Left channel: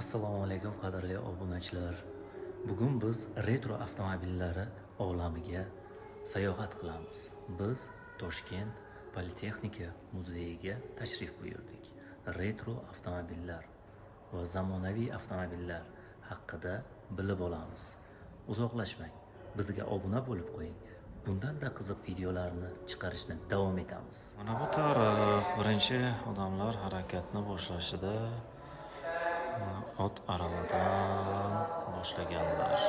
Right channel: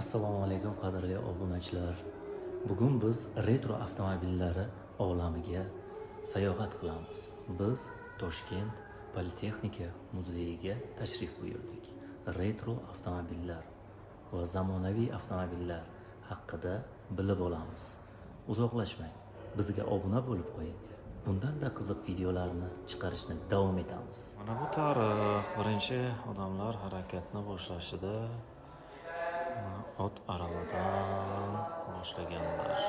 Assalomu alaykum qadrli obunachilar. Bugun biz retro avtomobillari olamiga sayohat qilamiz. Biz Toshkent Politexnika muzeyiga tashrif buyurdik. Retro avtomobillar va zamonaviy avtomobillar haqida bilib olamiz. Uzoqlashmang, bizga obuna bo'lib qo'ying. Bundan-da qiziq videolarni chiqarishni davom etamiz. Mana bu tarix. Birinchi odamlar harakatni boshlashida ot aravadan boshlaganlar.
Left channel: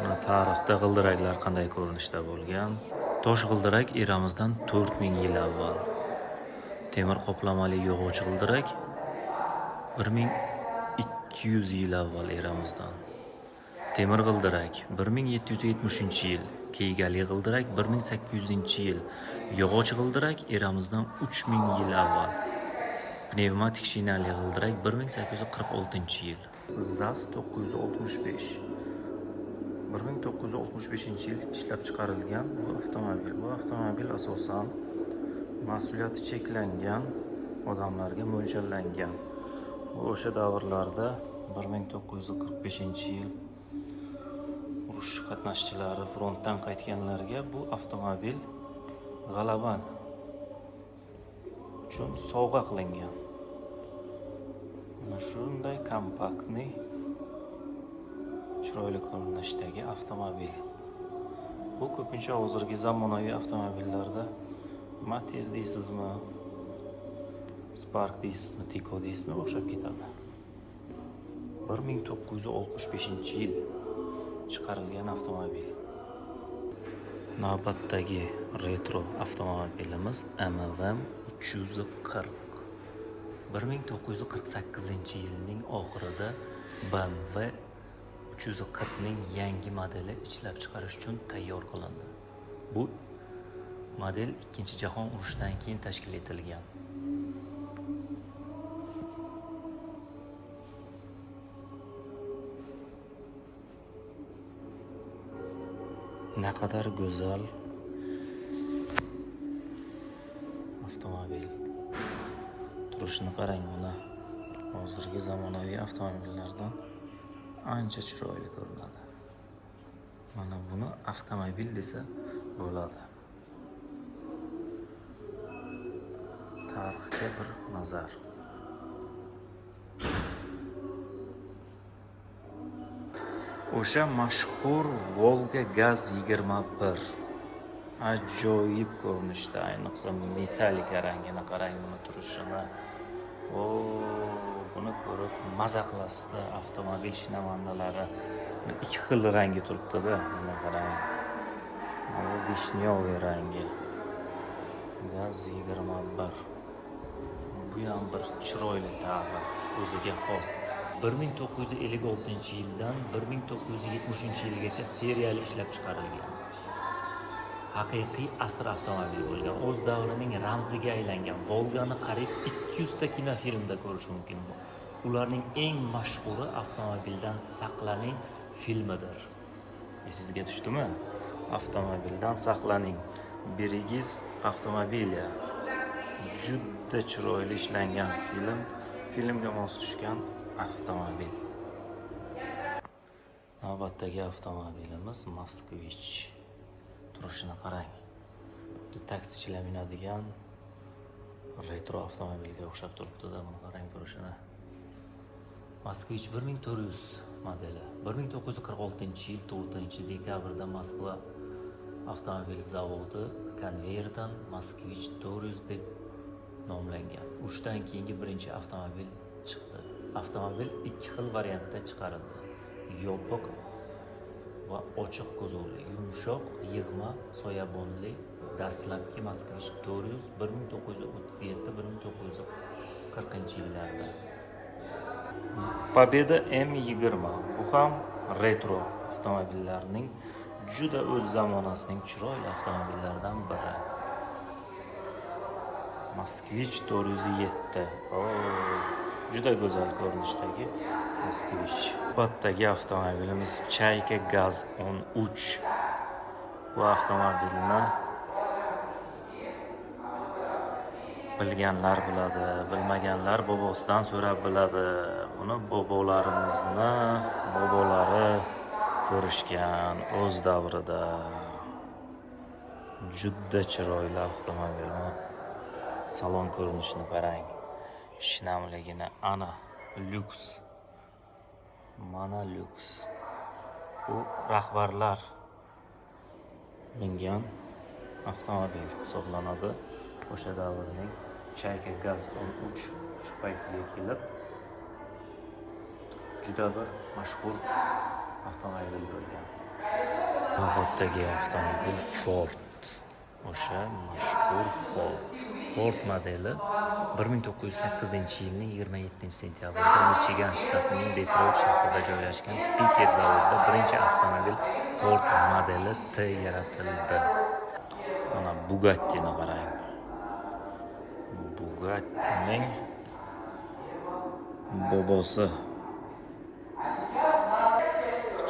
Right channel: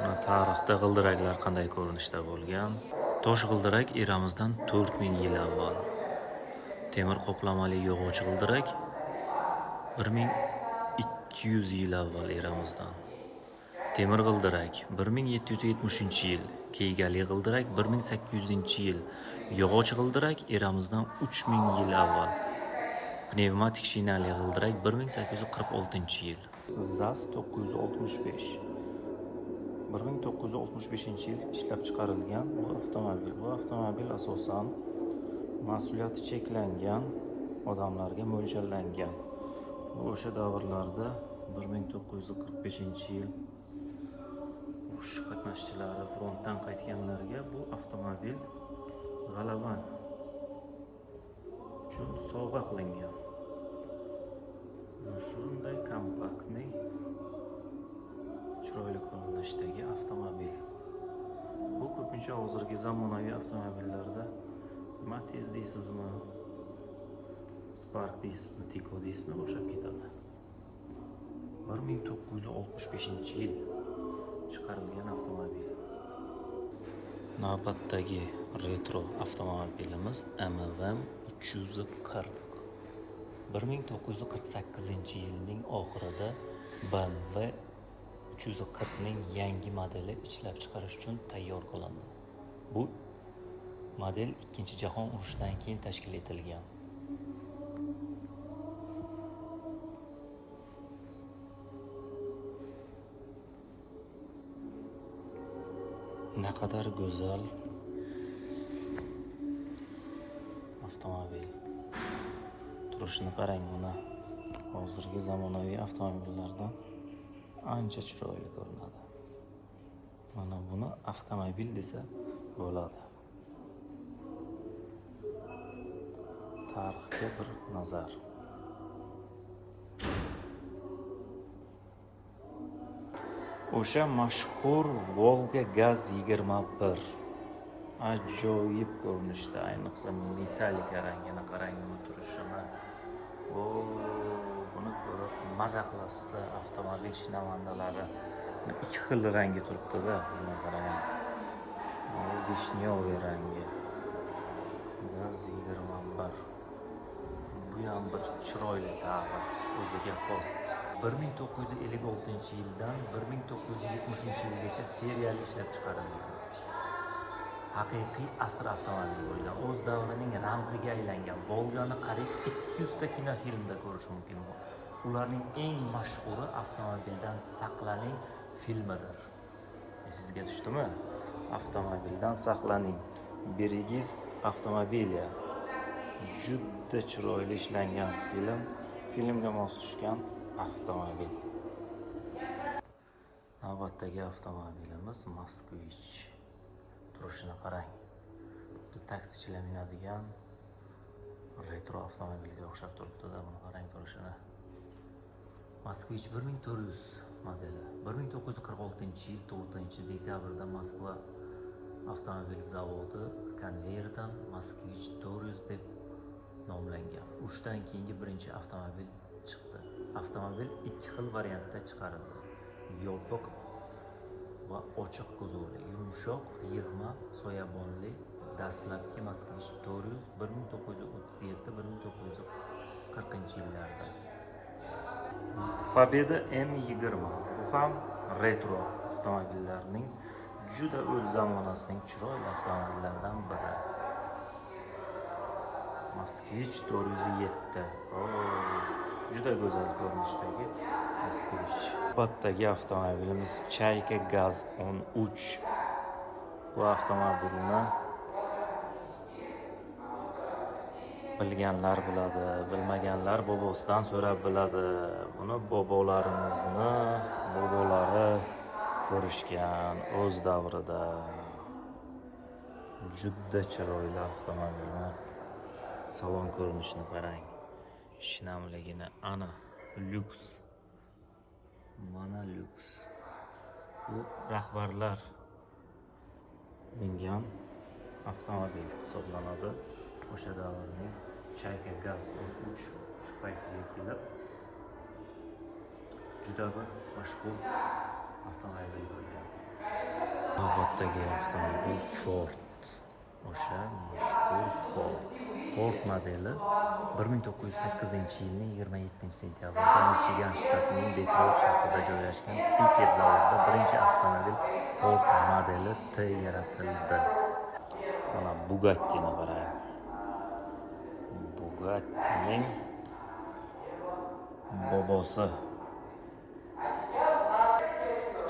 Mana tarixda g'ildiraklar qanday ko'rinishda bo'lgan. Tosh g'ildirak eramizdan 4000 yil avval. Temir qoplamali yog'och g'ildirak 1200 yil avval eramizdan. Temir g'ildirak 1770-yil, keygali g'ildirak 1800-yil, yog'och g'ildirak eramizdan 3000 yil avval. Pnevmatik shinali g'ildirak 1846-yil. ZAZ 965. 1965-yil ishlab chiqarilgan bu avtomobil. Bu avtomobil asosan mas'uliyati cheklangan odamlarga mo'ljallangan. O'sha davrlarda 1945-yil urush qatnashchilari frontdan qaytganlarga bu avtomobil g'alaba uchun sovg'a qilingan. Mana shunday kompaktli, chiroyli ko'rinishdagi avtomobil. Bu ko'pincha hozirgi zamonaviy avtomobillarda Matiz deysizmi, Spark deysizmi, Tico deysizmi o'xshab ketadi. 1965-yil chiqarilgan avtomobil. Navbatdagi retro avtomobilimiz MV 340. 1948-yilning oxirida BMW 340 ning yangi modeli ishlab chiqarish uchun tayyor qilindi. Bu model 2-jahon urushidan keyin tashkil etilgan. Naqadar go'zal avtomobil. Turishini qarang, uni hozirgi zamonaviy avtomobillardan ancha chiroyli ko'rinadi. Mana buni avtomobil desa bo'ladi. Tarixga bir nazar. O'sha mashhur Volga Gaz 21. Ajoyib ko'rinishda, ayniqsa metallika rangini qarang, uni turishini. Buni ko'rib maza qilasizda, avtomobil shinavandalari. Ikki xil rangi turibdi-da, mana qarang. Bu vishnyoviy rangi. Gaz 21. Bu ham bir chiroyli tarix, o'ziga xos. 1956-yildan 1970-yilgacha seriyali ishlab chiqarilgan. Haqiqiy asr avtomobil bo'lgan. O'z davrining ramziga aylangan. Volgani qariyb 200 ta kinofilmda ko'rish mumkin. Ularning eng mashhuri avtomobildan saqlaning filmidir. Sizga tushdimi? Avtomobildan saqlaning. Birigiz avtomobiliya. Juda chiroyli ishlangan film. Filmga mos tushgan avtomobil. Navbatdagi avtomobilimiz Moskvich. Turishini qarang. Bu taksichilar minadigan retro avtomobilga o'xshab turibdi-da, buni qarang turishini. Moskvich 1400 modeli. 1946-yil 4-dekabrda Moskva avtomobil zavodi konveyerdan Moskvich 400 deb nomlangan. Urushdan keyingi birinchi avtomobil chiqdi. Avtomobil ikki xil variantda chiqarildi. Yopiq va ochiq kuzovli, yumshoq yig'ma soyabonli. Dastlabki Moskvich 400 1937-1940-yillarda. Pobeda M20. Bu ham retro avtomobillarning juda o'z zamonasining chiroyli avtomobillaridan biri. Moskvich 407. Juda go'zal ko'rinishdagi Moskvich. Navbatdagi avtomobilimiz Chayka Gaz 13. Bu avtomobilni Bilganlar biladi, bilmaganlar bobosidan so'rab biladi. Buni bobolari ko'rishgan o'z davrida. Juda chiroyli avtomobil. Salon ko'rinishini qarang. Shinamligini ana lyuks. Mana lyuks. Bu rahbarlar mingan avtomobil hisoblanadi. O'sha davrning Chayka Gaz 13 shu paytiga kelib juda bir mashhur avtomobil bo'lgan. Navbatdagi avtomobil Ford. O'sha mashhur Ford modeli 1908-yilning 27-sentyabrida Michigan shtatining Detroit shahrida joylashgan Piket zavodida birinchi avtomobil Ford modeli T yaratildi. Mana Bugatti'ni qarang. Bugatti'ning bobosi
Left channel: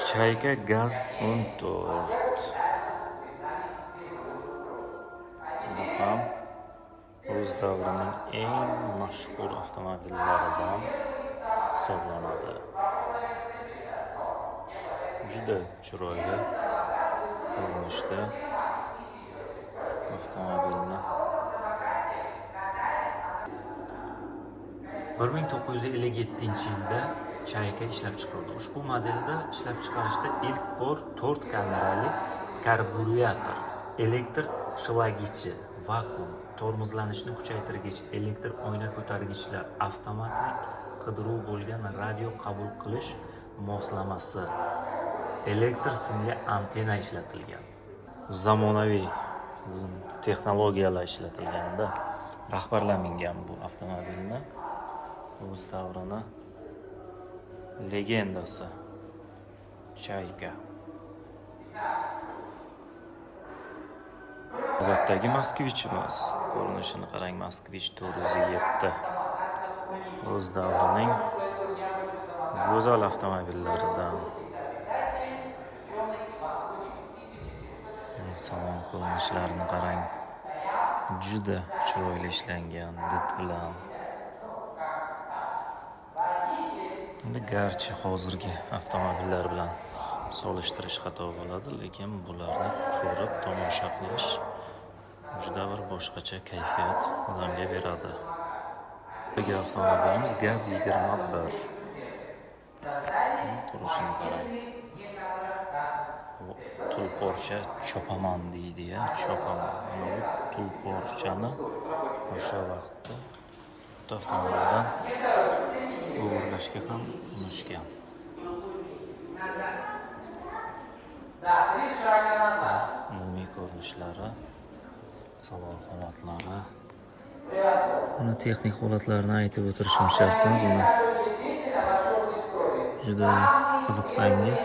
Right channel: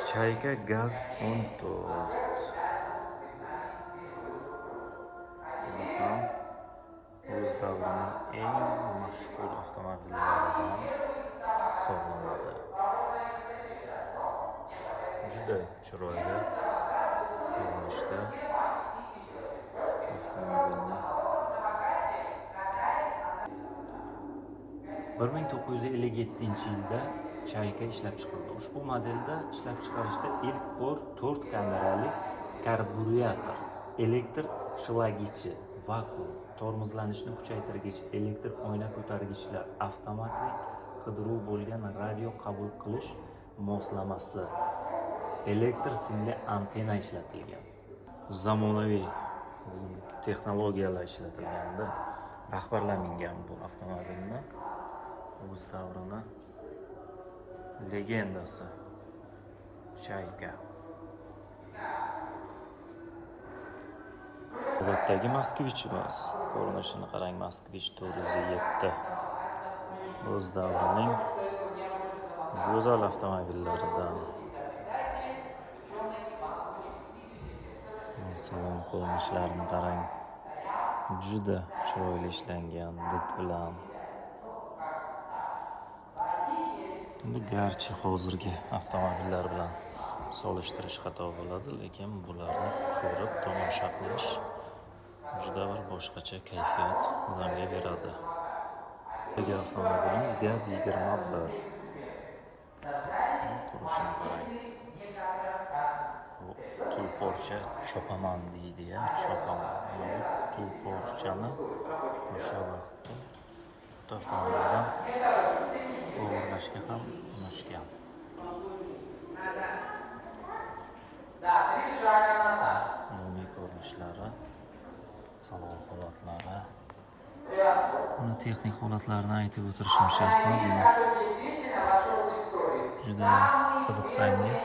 Chayka Gaz 14. Bu ham o'z davrining eng mashhur avtomobillaridan hisoblanadi. Juda chiroyli ko'rinishda avtomobilni 1957-yilda Chayka ishlab chiqildi. Ushbu modelda ishlab chiqarishda ilk bor 4 kamerali karburyator, elektr shilag'ichi, vakuum, tormozlanishni kuchaytirgich, elektr oyna ko'targichlar, avtomatik qidiruv bo'lgan radio qabul qilish moslamasi, elektr simli antenna ishlatilgan. Zamonaviy texnologiyalar ishlatilganda rahbarlar mingan bu avtomobilni. O'z davrini legendasi Chayka. Navbatdagi Moskvichimiz. Ko'rinishini qarang, Moskvich 407. O'z davrining go'zal avtomobillaridan. Salon ko'rinishlarini qarang. Juda chiroyli ishlangan did bilan. Garchi hozirgi avtomobillar bilan solishtirish xato bo'ladi, lekin bularni ko'rib tomosha qilish juda bir boshqacha kayfiyat odamga beradi. Bugungi avtomobilimiz Gaz 21. Turishini qarang. Bu tulporcha chopaman deydi-ya, chopaman. Bu tulporchani o'sha vaqtda avtomobildan o'g'irlashga ham urinishgan. Umumiy ko'rinishlari, salon holatlari. Buni texnik holatlarini aytib o'tirishim shart emas. Buni juda qiziqsangiz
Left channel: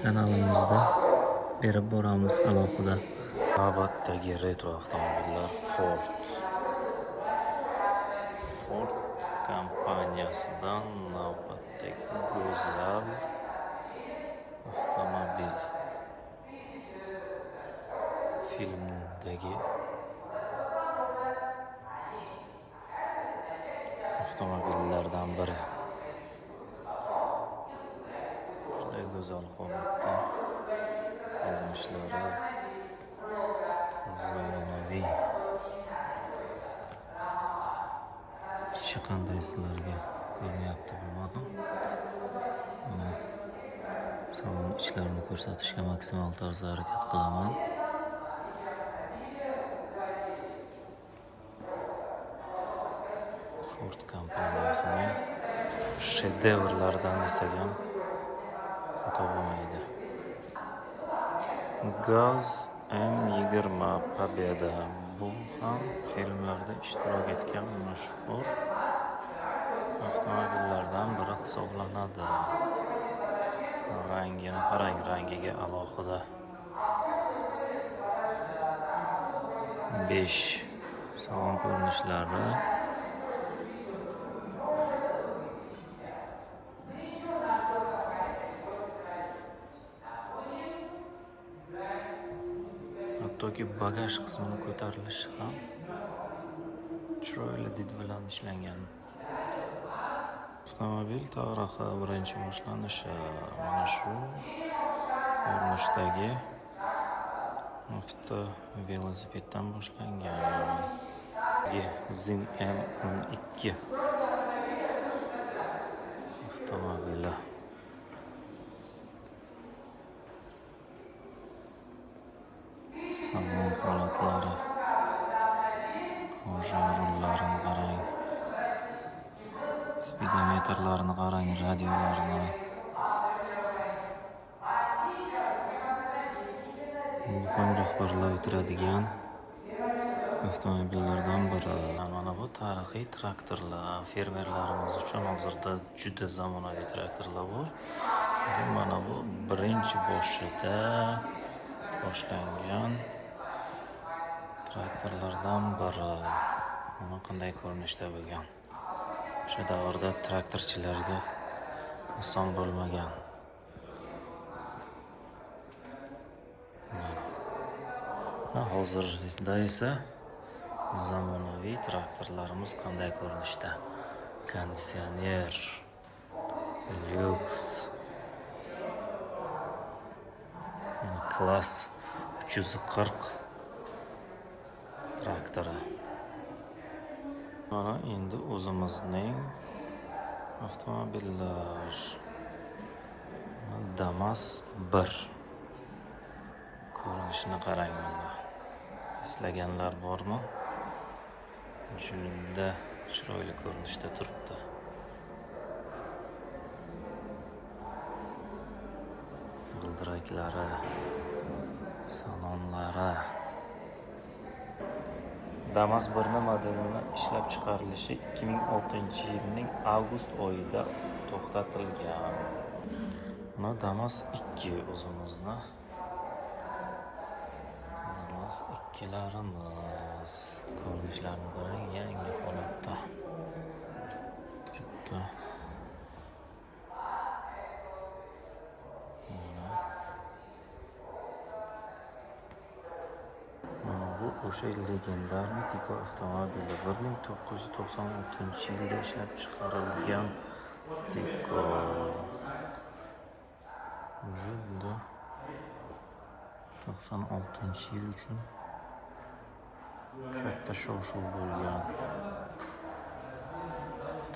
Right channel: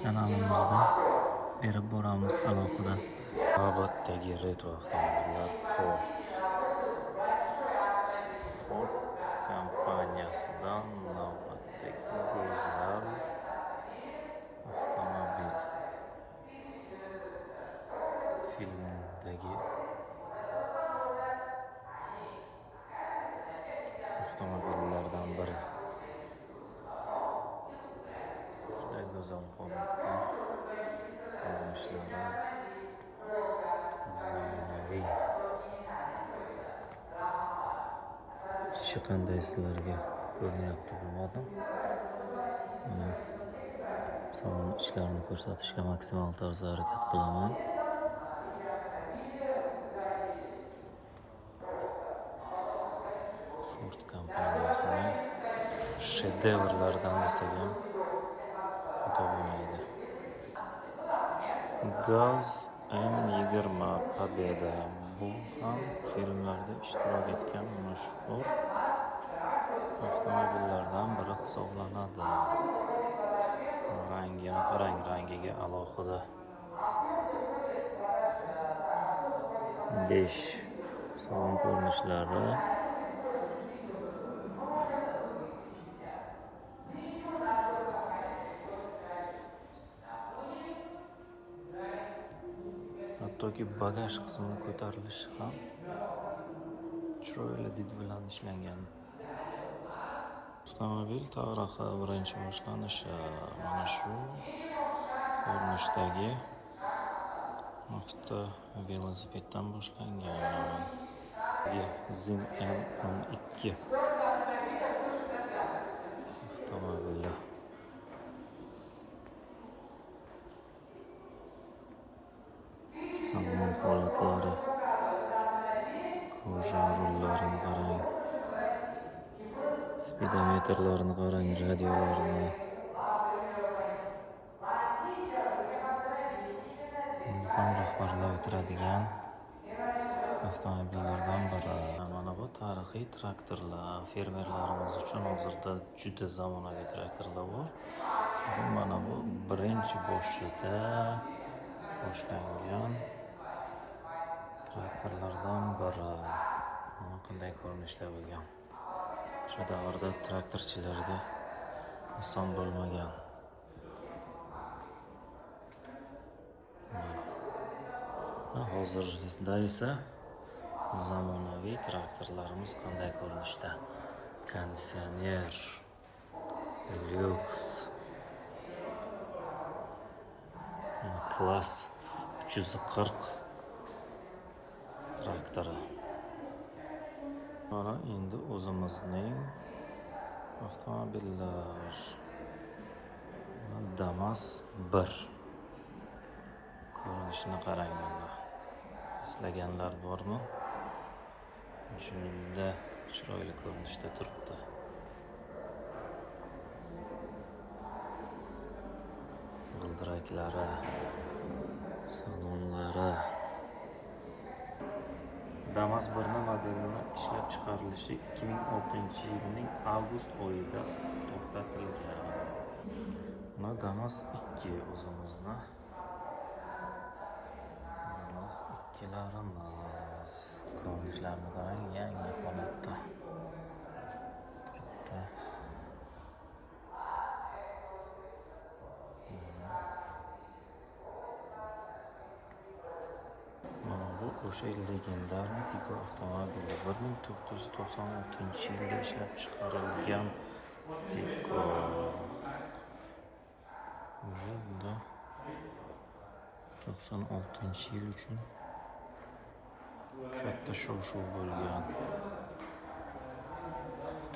kanalimizda berib boramiz alohida. Navbatdagi retro avtomobillar Ford kompaniyasidan navbatdagi go'zal avtomobil. Filmdagi avtomobillardan biri. Juda go'zal holatda ko'rinishlari, zamonaviy. Ichi qanday sizlarga ko'rinyapti bilmadim. Salon ichlarini ko'rsatishga maksimal tarzda harakat qilaman. Ford kompaniyasining shedevrlaridan desak ham xato bo'lmaydi. Gaz M20 Победа. Bu ham filmlarda ishtirok etgan mashhur avtomobillardan biri hisoblanadi. Rangini qarang, rangiga alohida 5 salon ko'rinishlari. Hattoki bagaj qismini ko'tarilishi ham chiroyli did bilan ishlangan. Avtomobil tarixi birinchi boshlanishi mana shu ko'rinishdagi velosipeddan boshlangan. Zim M12 avtomobili. Salon holatlari, koja rullarini qarang, speedometrlarni qarang, radiolarini. Muhim rahbarlar o'tiradigan avtomobillardan biri. Mana bu tarixiy traktorlar. Fermerlarimiz uchun hozirda juda zamonaviy traktorlar bor. Mana bu birinchi boshida boshlangan traktorlardan biri. Mana qanday ko'rinishda bo'lgan. O'sha davrda traktorchilarga oson bo'lmagan. Hozirda esa zamonaviy traktorlarimiz qanday ko'rinishda. Konditsioner, lyuks, klass 340 traktori. Mana endi o'zimizning avtomobillar. Damas 1. Ko'rinishini qarang bunda. Eslaganlar bormi? Juda chiroyli ko'rinishda turibdi. G'ildiraklari, salonlari. Damas 1 modelini ishlab chiqarilishi 2006-yilning avgust oyida to'xtatilgan. Mana Damas 2 o'zimizni. Damas 2larimiz. Ko'rinishlarini qarang, yangi holatda turibdi. Mana bu o'sha legendarniy Tiko avtomobili. 1996-yilda ishlab chiqarilgan Tiko. Juda 96-yil uchun katta shov-shuv bo'lgan.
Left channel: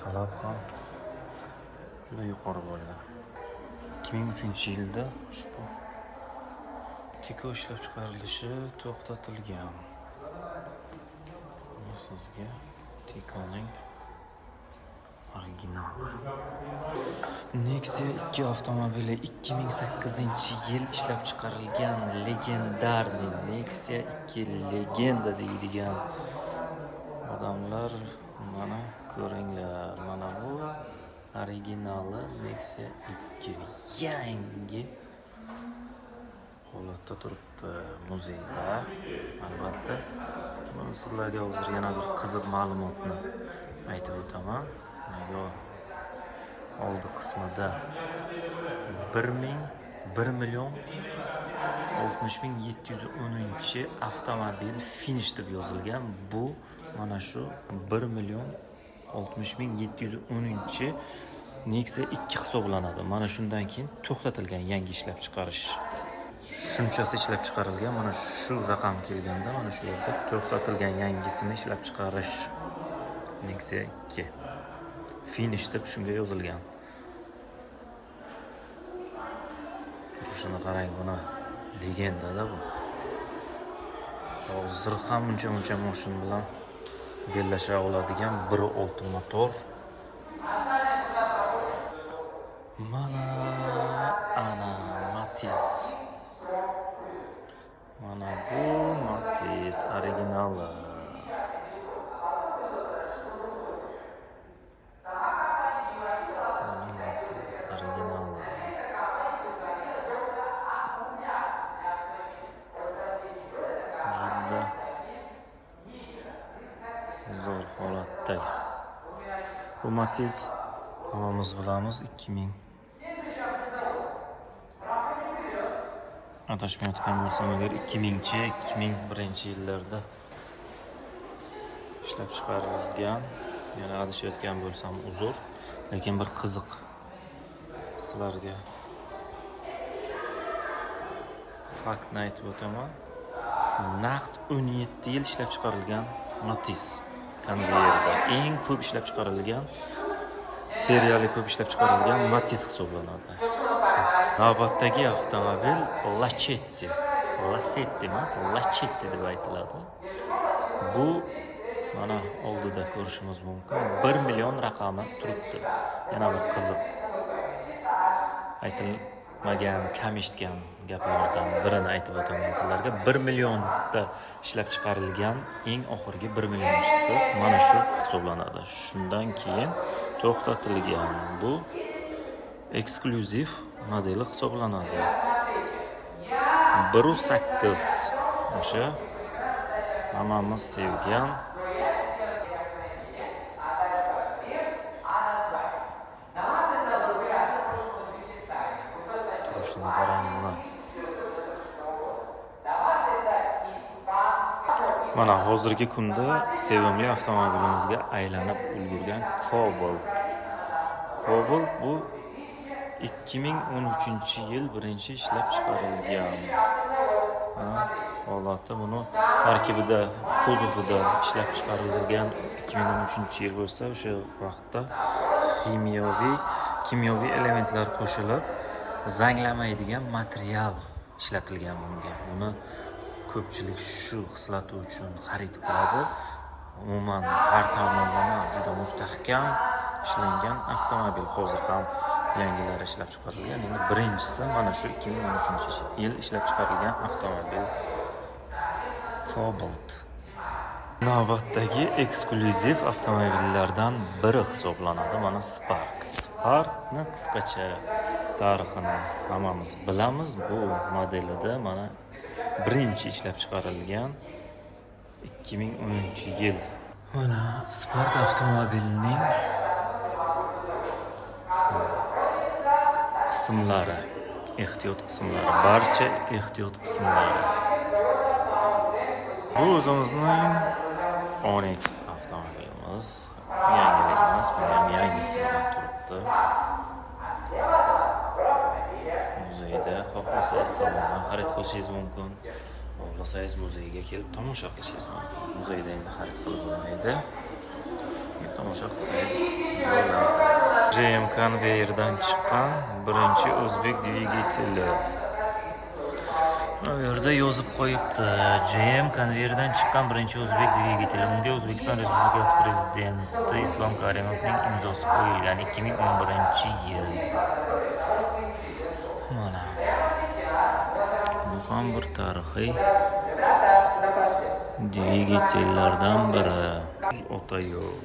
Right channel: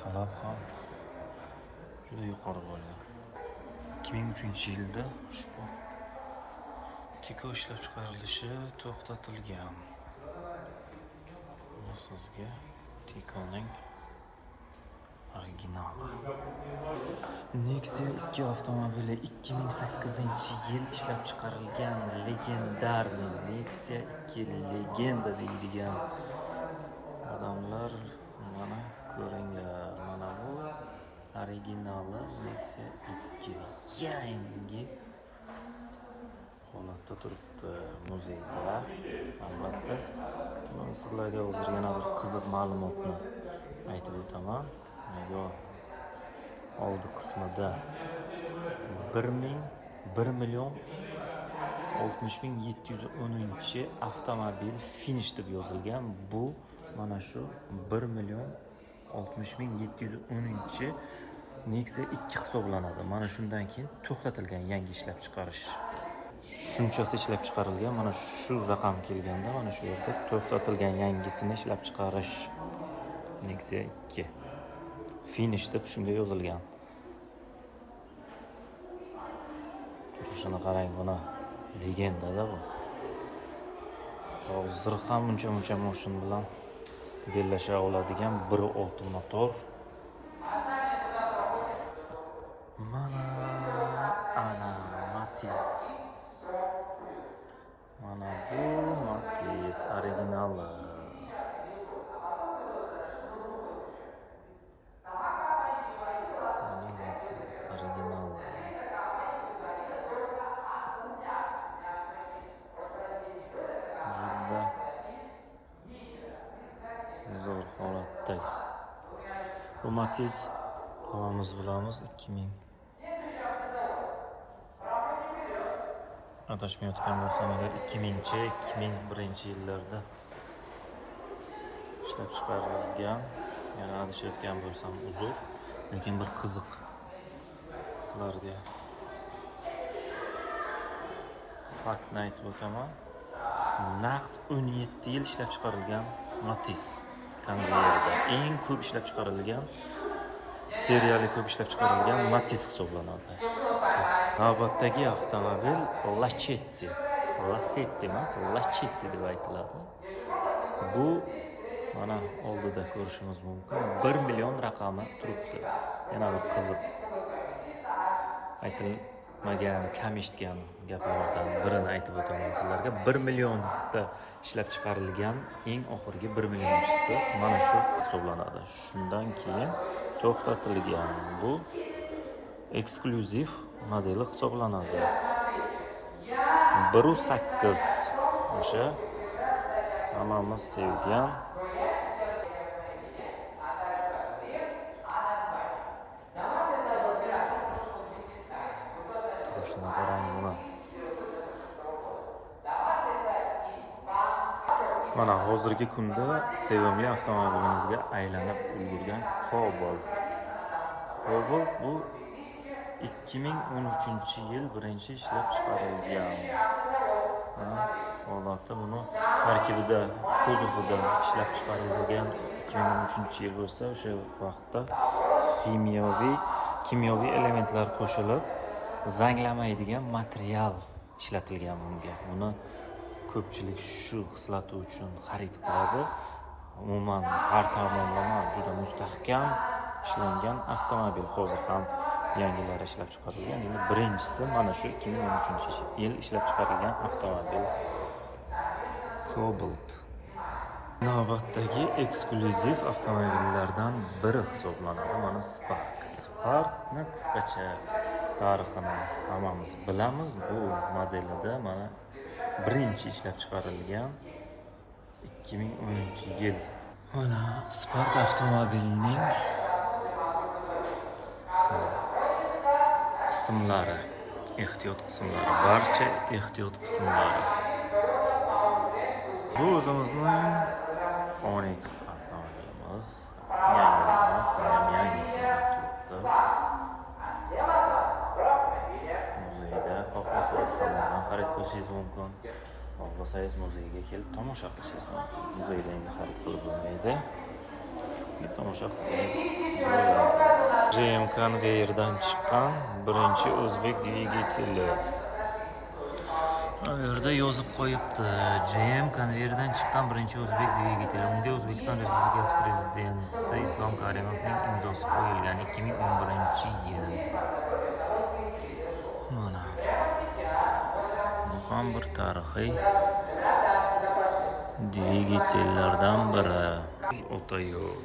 Talab ham juda yuqori bo'lgan. 2003-yilda ushbu Tiko ishlab chiqarilishi to'xtatilgan. Bu sizga Tikoning originali. Nexia 2 avtomobili 2008-yil ishlab chiqarilgan legendarniy Nexia 2 legenda deydigan odamlar mana ko'ringlar. Mana bu originali Nexia 2 yangi holatda turibdi muzeyda. Albatta, men sizlarga hozir yana bir qiziq ma'lumotni aytib o'taman. Oldi qismida 1.060.710 avtomobil finish deb yozilgan. Bu mana shu 1.060.710 Nexia 2 hisoblanadi. Mana shundan keyin to'xtatilgan yangi ishlab chiqarish. Shunchasi ishlab chiqarilgan. Mana shu raqam kelganda mana shu yerda to'xtatilgan yangisini ishlab chiqarish. Nexia 2 finish deb shunga yozilgan. Shuni qarang, buni legendada bu. Hozir ham uncha mashin bilan bellasha oladigan 1.6 motor. Mana ana Matiz. Mana bu Matiz originali. Mana Matiz originali. Juda zo'r holatda. Bu Matiz hammamiz bilamiz 2000 adashmayotgan bo'lsam agar 2001-yillarda ishlab chiqarilgan. Yana adashayotgan bo'lsam uzr, lekin bir qiziq sizlarga faktni aytib o'taman. Naqd 17 yil ishlab chiqarilgan Matiz konveyerda eng ko'p ishlab chiqarilgan, seriyali ko'p ishlab chiqarilgan Matiz hisoblanadi. Navbatdagi avtomobil Lacetti. Lacetti emas, Lacetti deb aytiladi. Bu mana oldida ko'rishimiz mumkin. 1 million raqami turibdi. Yana bir qiziq aytilmagan, kam eshitgan gaplardan birini aytib o'taman sizlarga. 1 millionda ishlab chiqarilgan eng oxirgi 1 millionchisi mana shu hisoblanadi. Shundan keyin to'xtatilgan. Bu eksklyuziv modeli hisoblanadi. 1.8 o'sha hammamiz sevgan turishini qarang buni. Mana hozirgi kunda sevimli avtomobilimizga aylanib ulgurgan Cobalt. Cobalt bu 2013-yil birinchi ishlab chiqarilgan. Holati buni tarkibida, kuzovida ishlab chiqarilgan 2013-yil bo'lsa, o'sha vaqtda kimyoviy elementlar qo'shilib zanglamaydigan material ishlatilgan bunga. Buni ko'pchilik shu xislati uchun xarid qiladi. Umuman har tomonlama juda mustahkam ishlangan avtomobil. Hozir ham yangilari ishlab chiqarilgan. Endi birinchisi mana shu 2013-yil ishlab chiqarilgan avtomobil Cobalt. Navbatdagi eksklyuziv avtomobillardan biri hisoblanadi mana Spark. Sparkni qisqacha tarixini hammamiz bilamiz. Bu modelida mana birinchi ishlab chiqarilgan 2010-yil. Mana Spark avtomobilining qismlari, ehtiyot qismlari, barcha ehtiyot qismlari. Bu o'zimizning Onyx avtomobilimiz. Yangilik emas, bu ham yangisi turibdi. Muzeyda xohlasangiz salondan xarid qilishingiz mumkin. Xohlasangiz muzeyga kelib tomosha qilishingiz mumkin. Muzeyda endi xarid qilib bo'lmaydi. Tomosha qilsangiz bo'ladi. GM konveyerdan chiqqan birinchi o'zbek dvigateli. Bu yerda yozib qo'yibdi. GM konveyerdan chiqqan birinchi o'zbek dvigateli. Unga O'zbekiston Respublikasi Prezidenti Islom Karimovning imzosi qo'yilgan 2011-yil. Mana. Bu ham bir tarixiy dvigatellardan biri. Otayo'l.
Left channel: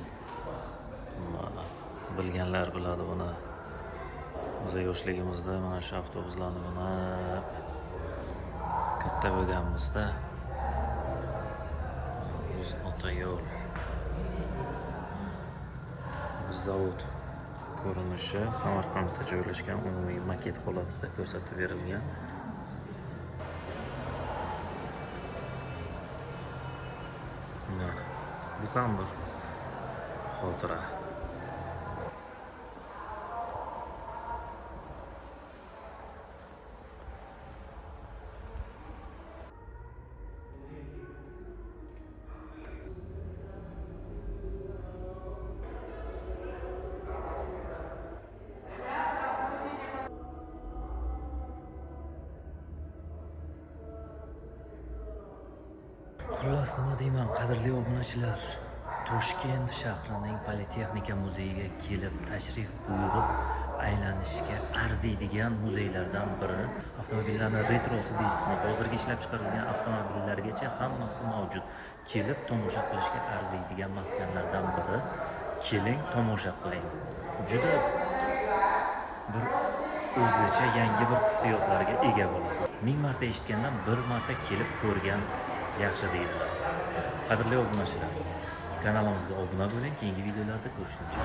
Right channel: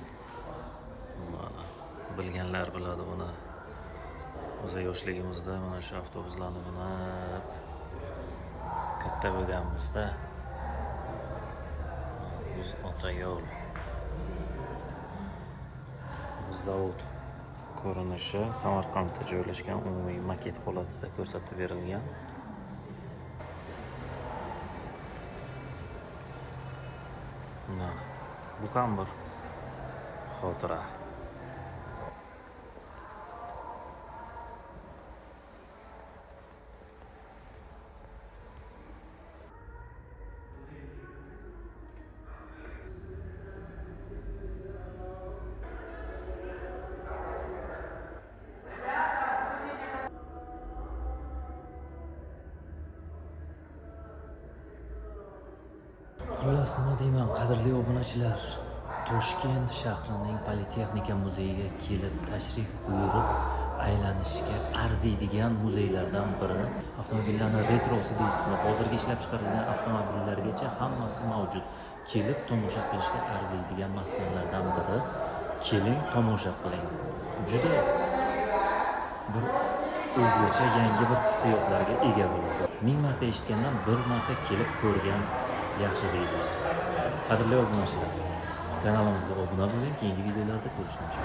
Mana bilganlar biladi buni. O'z yoshligimizda mana shu avtobuslarni minib katta bo'lganimizda Uz Otayo'l. Zavod ko'rinishi Samarqandda joylashgan, umumiy maket holatida ko'rsatib berilgan. Bu ham bir xotira. Xullas nima deyman, qadrli obunachilar. Toshkent shahrining Politexnika muzeyiga kelib tashrif buyurib aylanishga arziydigan muzeylardan biri. Avtomobillarning retrosi deysizmi, hozirgi ishlab chiqarilgan avtomobillargacha hammasi mavjud. Kelib tomosha qilishga arziydigan maskanlardan biri. Keling, tomosha qiling. Juda bir o'zgacha yangi bir hissiyotlarga ega bo'lasiz. 1000 marta eshitgandan bir marta kelib ko'rgan yaxshi deydilar. Qadrli obunachilar, kanalimizga obuna bo'ling, keyingi videolarda ko'rishguncha.